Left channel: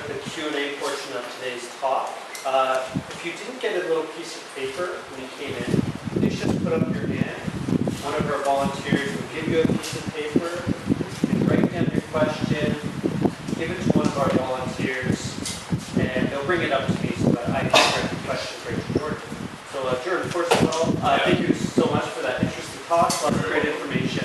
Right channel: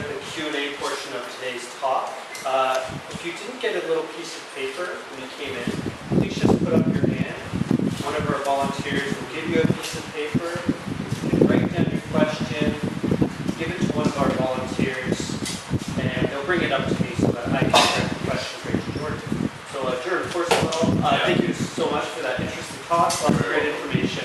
start the Q&A portion of today's talk. If you didn't get a little piece of paper when you came in, please just put up your hand. One of our volunteers will give you a piece of paper. You can write down your question, give it to one of our volunteers, and they'll bring it up to me so that I can direct the question right to Jordan. So Jordan, first of all, thank you so much for that interesting talk. Lots of great information.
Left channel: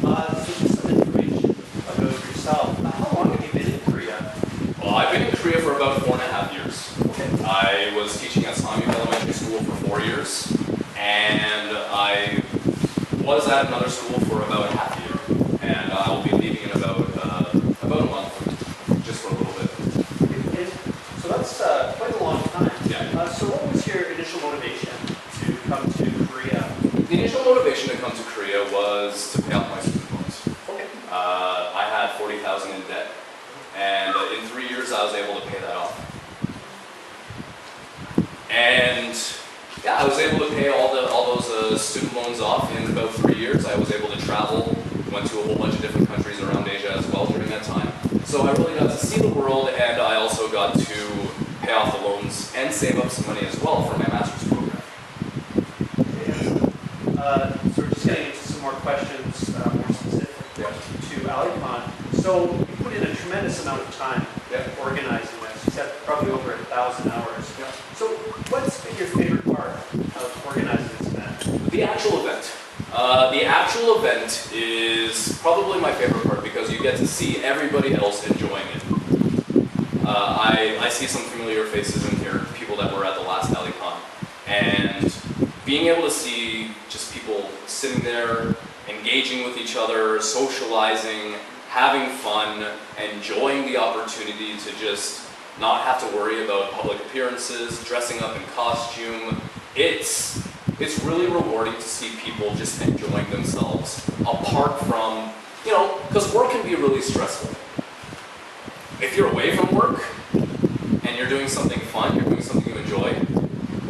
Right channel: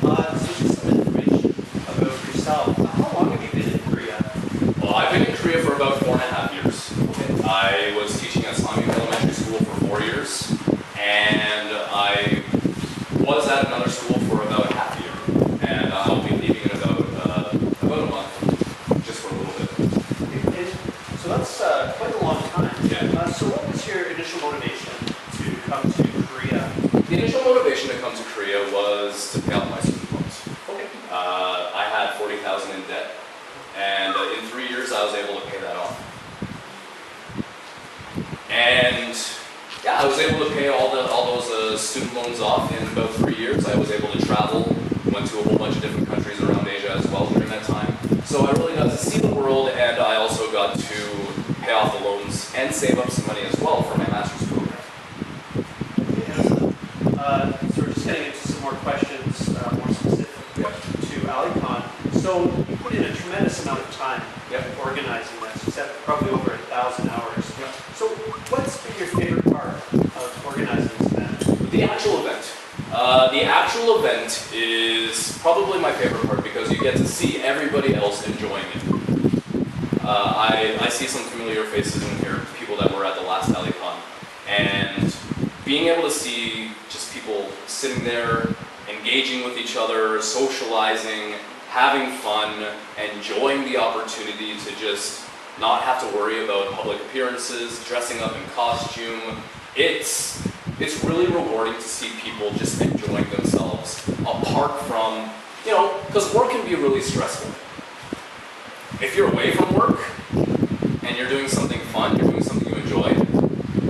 So just some information about yourself. How long have you been in Korea? Well, I've been in Korea for about 4.5 years. Okay. I was teaching at Samyuk Elementary School for 4 years, and I was at another school for about half a year. And I'll be leaving in about a month, just for a little bit. And so that's quite a long time. Yeah. So what was your initial motivation to come to Korea? The initial motivation to come to Korea was to pay off my student loans. Okay. I had 40,000 in debt, and in 3 years I was able to pay that off. And yeah, I was able to pay all those student loans off in about 3 years. I was able to travel, went to a whole bunch of different countries around Asia as well during that time. So I really got to see the world, and I also got to pay off the loans and save up some money as well for my master's program. So we're just getting into some more questions, more specific to Alleycon. So you put in a tremendous amount of time organizing this. You said probably over 1,000 hours. Yeah. So what's been your favorite part of organizing this event? The actual event. The actual event is probably my favorite part because you get to see everybody else enjoying it. I see some familiar faces in here, people that were at the last Alleycon, and being able to see just people sitting there, engaging with each other, socializing, having fun, enjoying the opportunity to just not have to worry about public appearances, dressing up in costume. It's really rewarding to see people just enjoying themselves apart from, because work can be really stressful. If you're away from work and you're doing something fun, you're doing something you enjoy,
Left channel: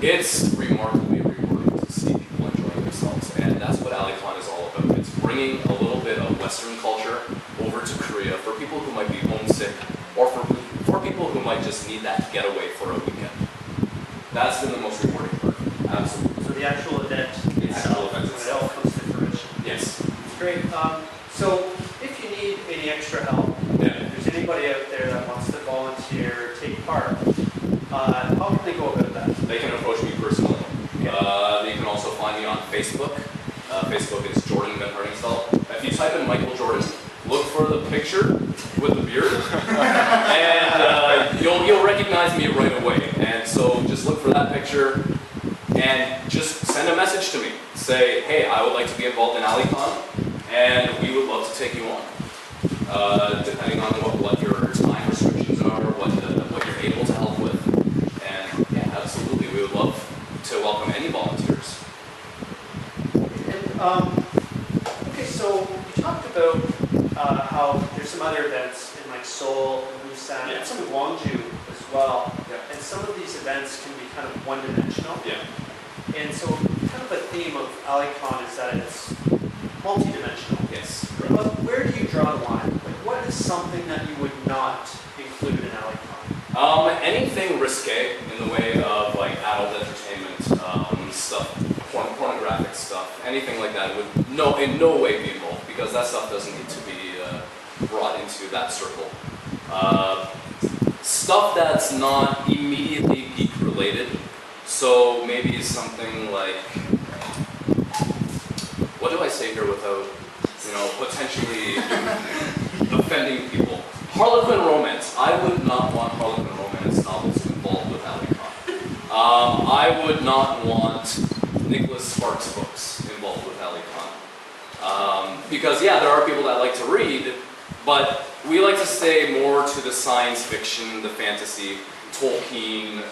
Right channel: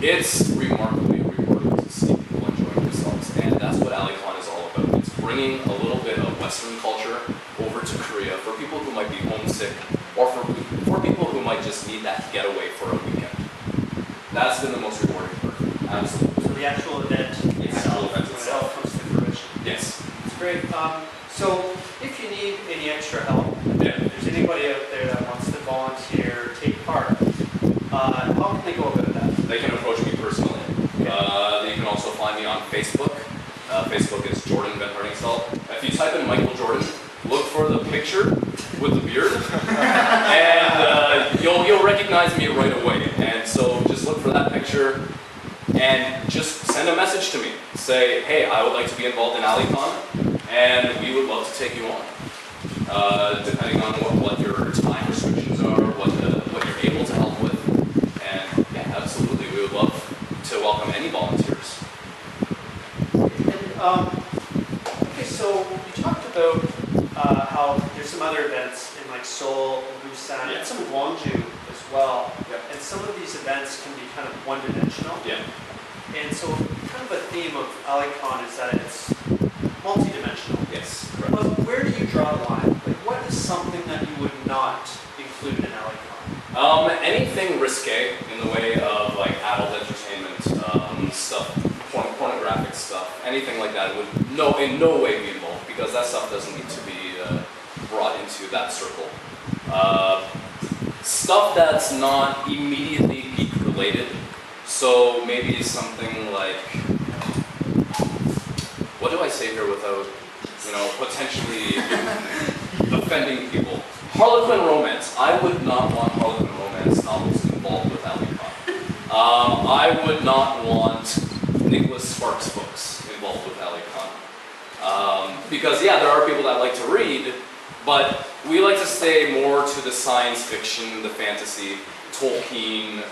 it's remarkably rewarding to see people enjoying themselves. And that's what Alleycon is all about. It's bringing a little bit of Western culture over to Korea for people who might be homesick or for people who might just need that getaway for a weekend. That's been the most rewarding part. Absolutely. So the actual event itself, when it all comes to fruition. Yes. It's great. So if you need any extra help, if there's anybody out there that wants to volunteer, take part, how can they go about that? They can approach me personally. Okay. You can also find me on Facebook. Facebook is Jordan VanHartingsveldt. If you type in Michael Jordan, look for the picture with the beard, and you'll recognize me right away. And so just look for that picture, and just send a message to me. Say, hey, I would like to be involved in Alleycon, and we would love to take you on. Depending on what your time restrictions are, what you're able to help with. And yeah, absolutely, we would love to welcome any volunteers. And, okay, so you talked about how there's some other events in like Seoul and Busan, and some in Gwangju as well. And some of these events can be kind of one-dimensional. And so kind of a theme of Alleycon is that it's multi-dimensional. Yes. Where do you draw the line? Like, what is something that you would not include in Alleycon? Anything risque in the way of like adult entertainment stuff, pornographic stuff, anything like that would in no way be involved, because that stuff doesn't need to be brought into that circle. Stuff that's not immediately geek related, so maybe something like, what do I say here without, potentially offending people? Harlequin romance. I would not want Harlequin romance novels involved with Alleycon. I would not want Nicholas Sparks books involved with Alleycon. Because there are people that like to read, but we like to stay more to the science fiction, the fantasy, Tolkien,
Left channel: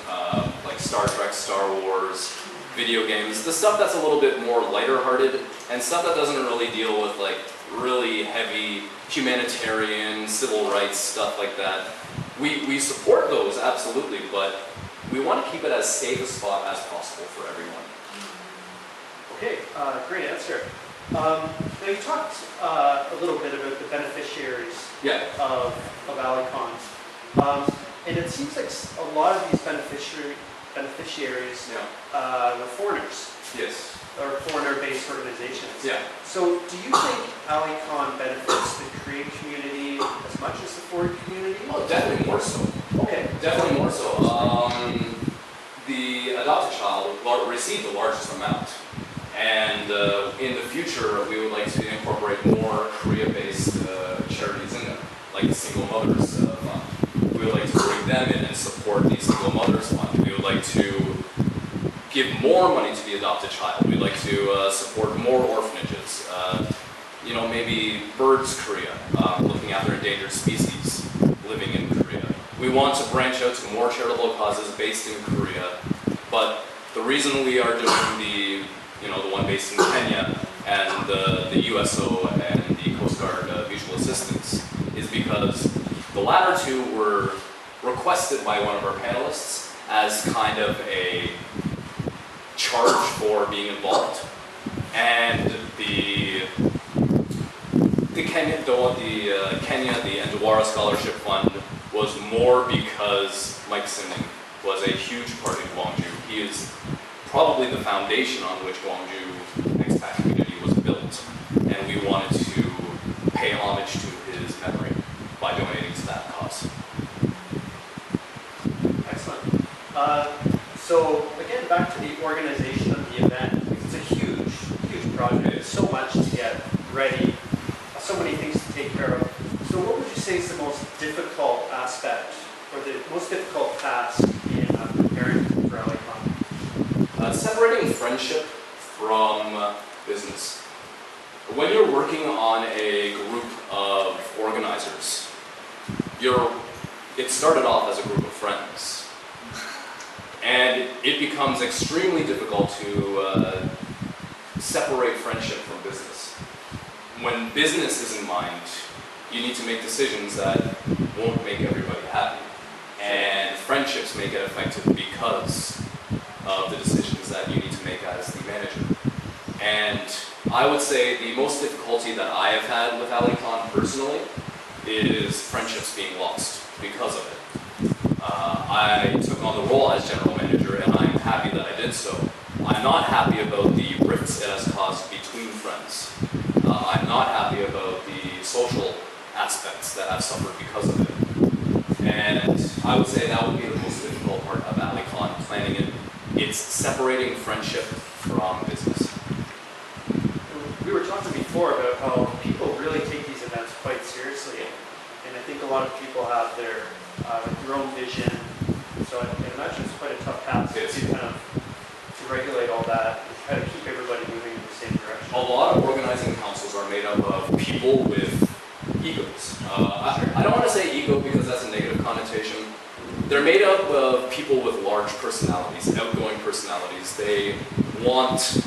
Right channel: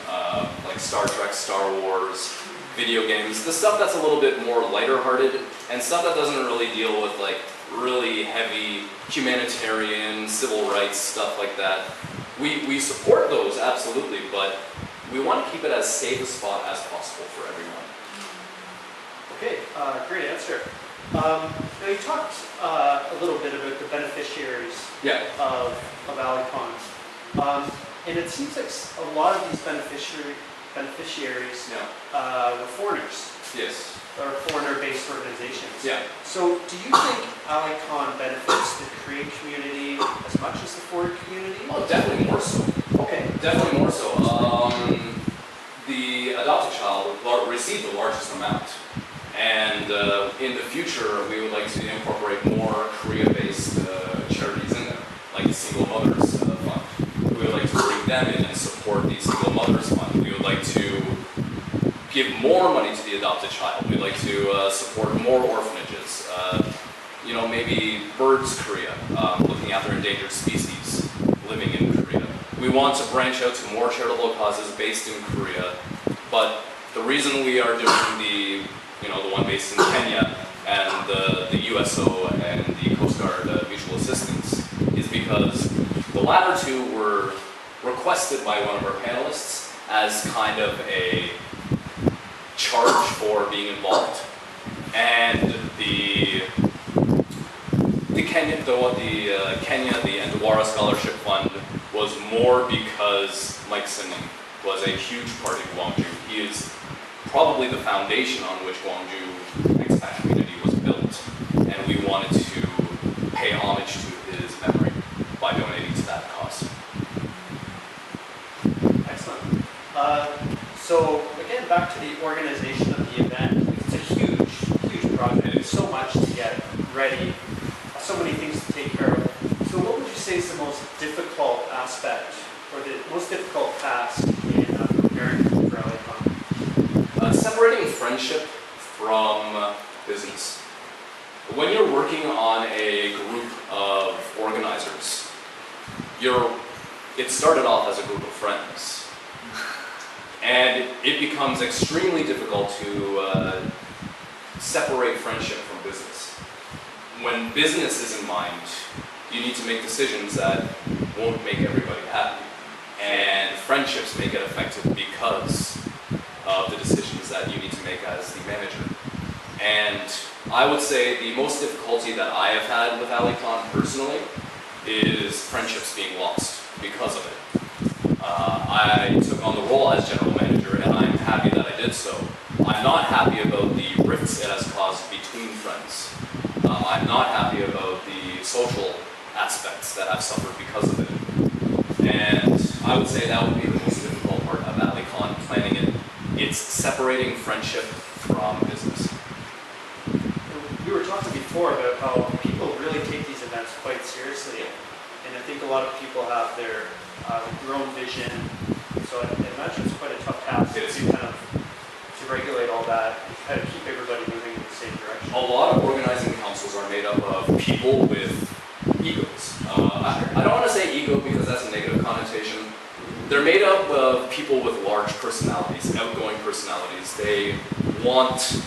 like Star Trek, Star Wars, video games, the stuff that's a little bit more lighter-hearted, and stuff that doesn't really deal with like really heavy humanitarian, civil rights, stuff like that. We support those, absolutely, but we want to keep it as safe a spot as possible for everyone. Okay, great answer. Now you talked a little bit about the beneficiaries of Alleycon. And it seems like a lot of these beneficiaries were foreigners, Yes. or foreigner-based organizations. Yeah. So do you think Alleycon benefits the Korean community as much as the foreign community? Oh, definitely more so. Okay. Definitely more so. The adopted child received the largest amount. And in the future, we would like to incorporate more Korea-based charities in there, like the Single Mothers Fund. We would like to bring them in and support the Single Mothers Fund. We would like to give more money to the adopted child. We'd like to support more orphanages. You know, maybe Birds Korea, looking after endangered species living in Korea. We want to branch out to more charitable causes based in Korea, but the reason we are doing the one based in Kenya and the USO and the Coast Guard Mutual Assistance is because the latter two were requested by one of our panelists as kind of a charge for being involved, and the Kenya, the Ndawara Scholarship Fund was more because Mike Sinning was a huge part in Gwangju. He is probably the foundation on which Gwangju expat community was built, and we wanted to pay homage to his memory by donating to that cause. Excellent. So again, back to the organization of the event. It's a huge, huge project. It's so much to get ready, so many things to take care of. So what would you say is the most difficult aspect, or the most difficult task in preparing for Alleycon? Separating friendship from business. When you're working on a group of organizers, it started off as a group of friends. And it becomes extremely difficult to separate friendship from business. When business is in mind, you need to make decisions that won't make everybody happy. And friendships may get affected because of the decisions that you need to make as the manager. And I would say the most difficulty that I have had with Alleycon personally is friendships being lost because of it. I took on the role as general manager, and I'm happy that I did so. I'm not happy about the rifts it has caused between friends. I'm not happy about the social aspects that I've suffered because of it. And I would say that would be the most difficult part of Alleycon, planning it. It's separating friendship from business. We were talking before about how people really take these events quite seriously, and I think a lot of people have their own vision. So I imagine it's quite a tough task to regulate all that and kind of keep everybody moving in the same direction. A lot of organizing councils are made up of people with egos. I don't want to say ego because that's a negative connotation. They're made up of people with large personalities, outgoing personalities. They want,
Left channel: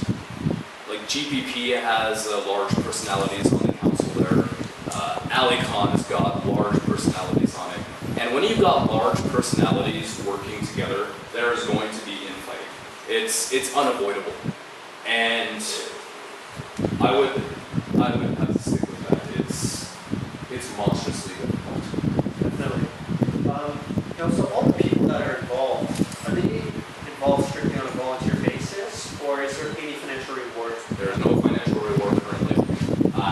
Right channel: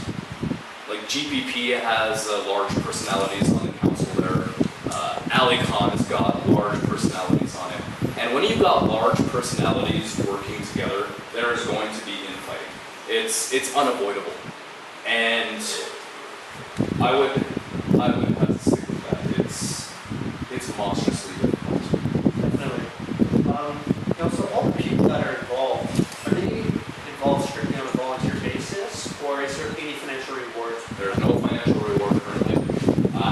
like GPP has large personalities on the council there. Alleycon has got large personalities on it. And when you've got large personalities working together, there is going to be infighting. It's unavoidable. And I would have to stick with that. It's monstrously difficult. Definitely. So all the people that are they involved strictly on a volunteer basis, or is there any financial reward? There is no financial reward currently.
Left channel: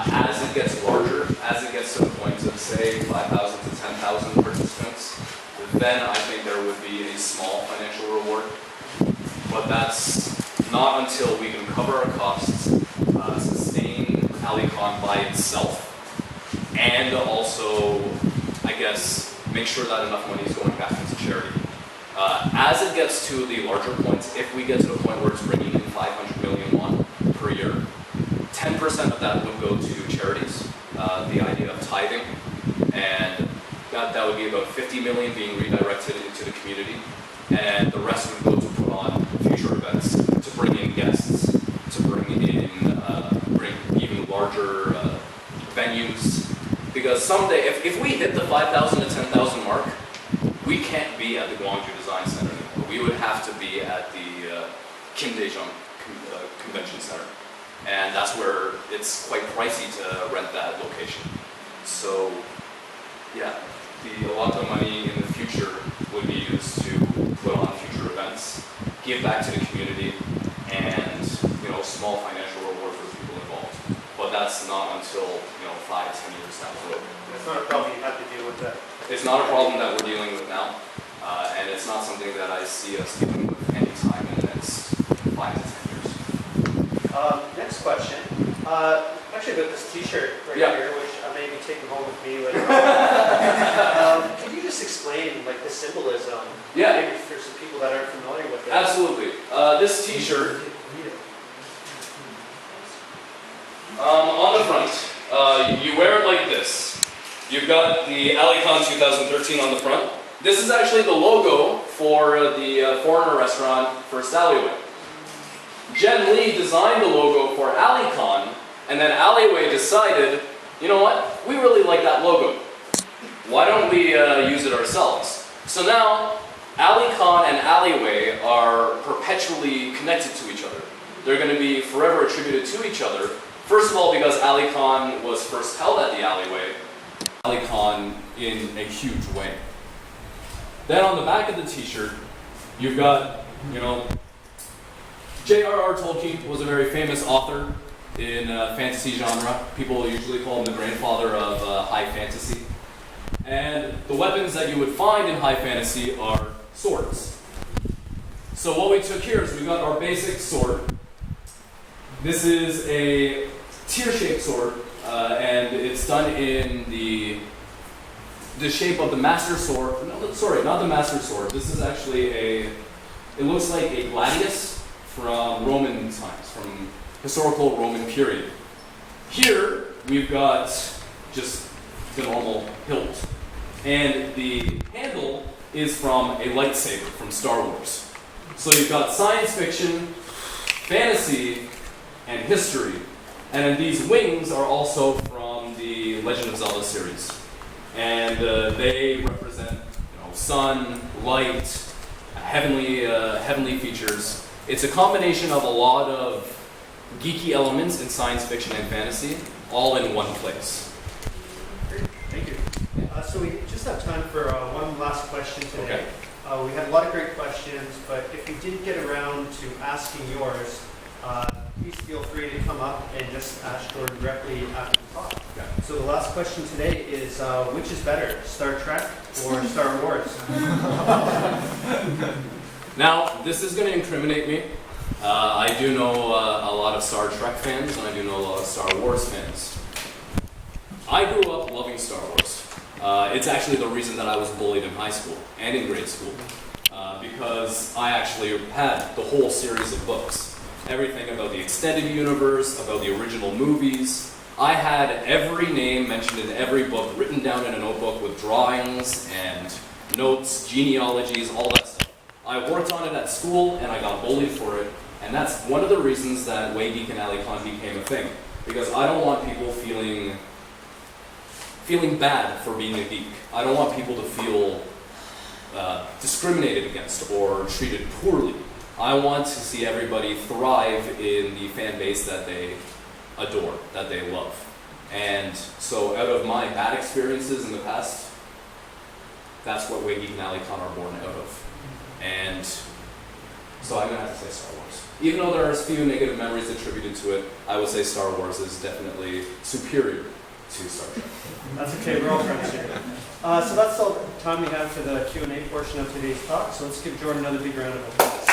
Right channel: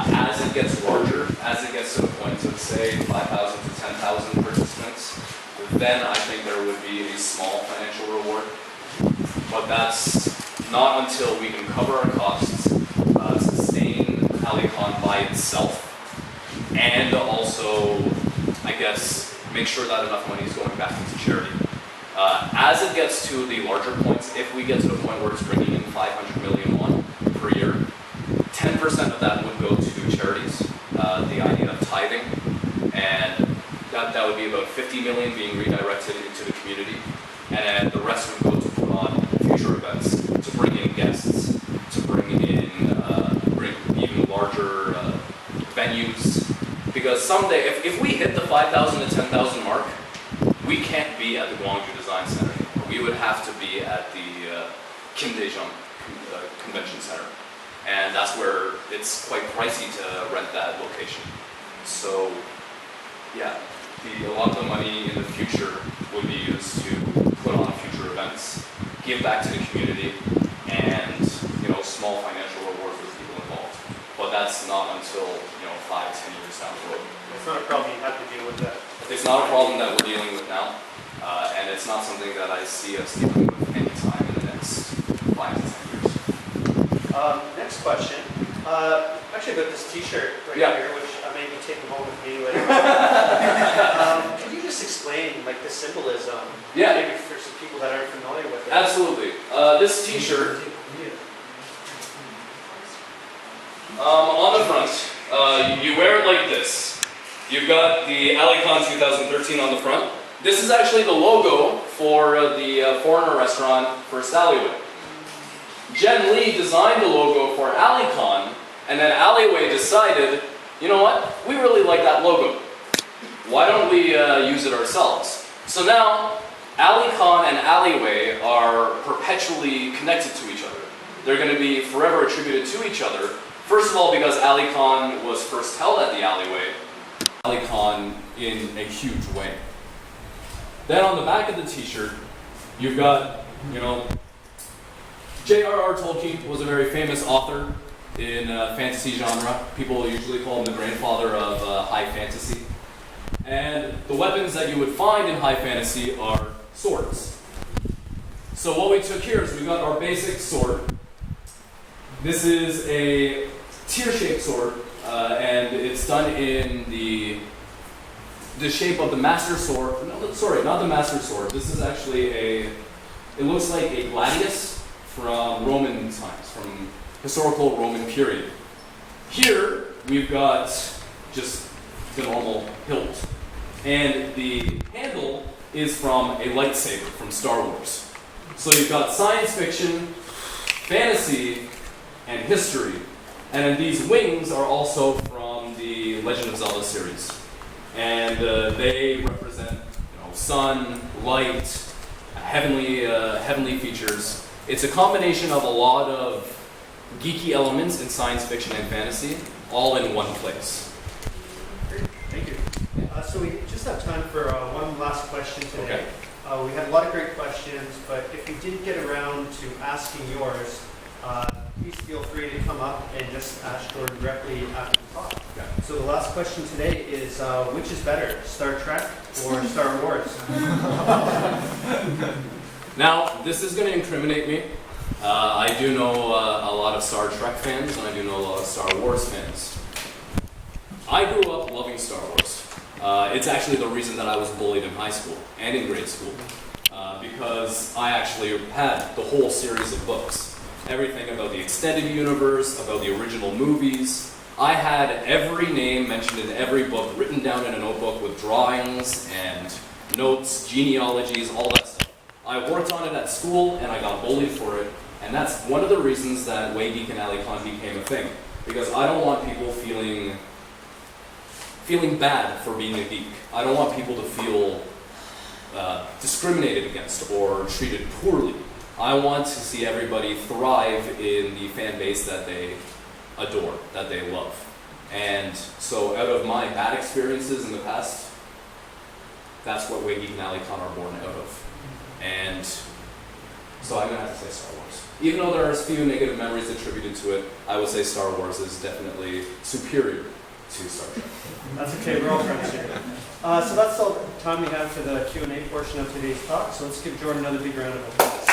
As it gets larger, as it gets to the point of, say, 5,000 to 10,000 participants, then I think there would be a small financial reward. But that's not until we can cover our costs, sustain Alleycon by itself, and also, I guess, make sure that enough money is going back into charity. As it gets to the larger points, if we get to the point where it's bringing in 500 million won per year, 10% of that would go to charities, the idea of tithing, and that would be about 50 million being redirected into the community, and the rest would go to put on future events, to bring in guests, to bring even larger venues, because someday, if we hit the 5,000 to 10,000 mark, we can't be at the Gwangju Design Center anymore. We would have to be at the Kim Dae-jung Convention Center. And that's where it's quite pricey to rent that location. So, yeah, a lot of the money in the future would be used to put on future events, give back to the community, and small financial reward for the people involved. But that's not until 5-10 years down the road. It's not a problem you have to deal with that. It's not a problem that we're dealing with now, and it's not something that I see us dealing with anytime in the next 5 to 10 years. Next question. Actually, about this T-shirt right Yeah. here, which I may be taking home with me later. Could you just explain like the symbolism? Yeah. Maybe for some people that aren't familiar with it. Absolutely. This T-shirt, on the front, you wear it like this. You've got the Alleycon 2013 on the front. This is actually the logo for the foreigner restaurant First Alleyway. Jen Lee designed the logo for Alleycon, and then Alleyway decided, you know what, we really like that logo. Why don't we use it ourselves? So now, Alleycon and Alleyway are perpetually connected to each other. They're going to be forever attributed to each other. First of all, because Alleycon was first held at the Alleyway, Alleycon in a huge way. Then on the back of the T-shirt, you've got, J.R.R. Tolkien was a very famous author in fantasy genre. People usually call him the grandfather of high fantasy. And the weapons that you would find in high fantasy are swords. So what we took here is we got our basic sword. This is a tear-shaped sword, and it's done in the shape of the Master Sword. No, sorry, not the Master Sword. This is actually it looks like a gladius from Roman times, from historical Roman period. Here, we've got just the normal hilt. And the handle is from a lightsaber from Star Wars. So you've got science fiction, fantasy, and history. And then these wings are also from the Legend of Zelda series. And they represent sun, light, heavenly features. It's a combination of a lot of geeky elements in science fiction and fantasy, all in one place. Great, thank you. So we just have time for one last question today. Okay. We had a lot of great questions, but if you didn't get around to asking yours, please feel free to come up and just ask Jordan directly after the talk. Okay. So the last question today is, which is better, Star Trek or Star Wars? Now, this is going to incriminate me. I do know a lot of Star Trek fans, and I do know a lot of Star Wars fans. I grew up loving Star Wars. It's actually the reason that I was bullied in high school and in grade school, because I actually had the whole series of books. Everything about the extended universe, about the original movies. I had every name mentioned in every book written down in a notebook with drawings and notes, genealogies, all that stuff. I worked on it at school and I got bullied for it, and that's one of the reasons that Waygeek and Alleycon became a thing. Because I don't want people feeling bad for being a geek. I don't want people to feel discriminated against or treated poorly. I want to see everybody thrive in the fan base that they adore, that they love. And so out of my bad experiences in the past, that's what Waygeek and Alleycon are born out of. And so I'm going to have to say Star Wars. Even though there are a few negative memories attributed to it, I would say Star Wars is definitely superior to Star Trek. That's okay, we're all friends here. So that's all the time we have for the Q&A portion of today's talk, so let's give Jordan another big round of applause.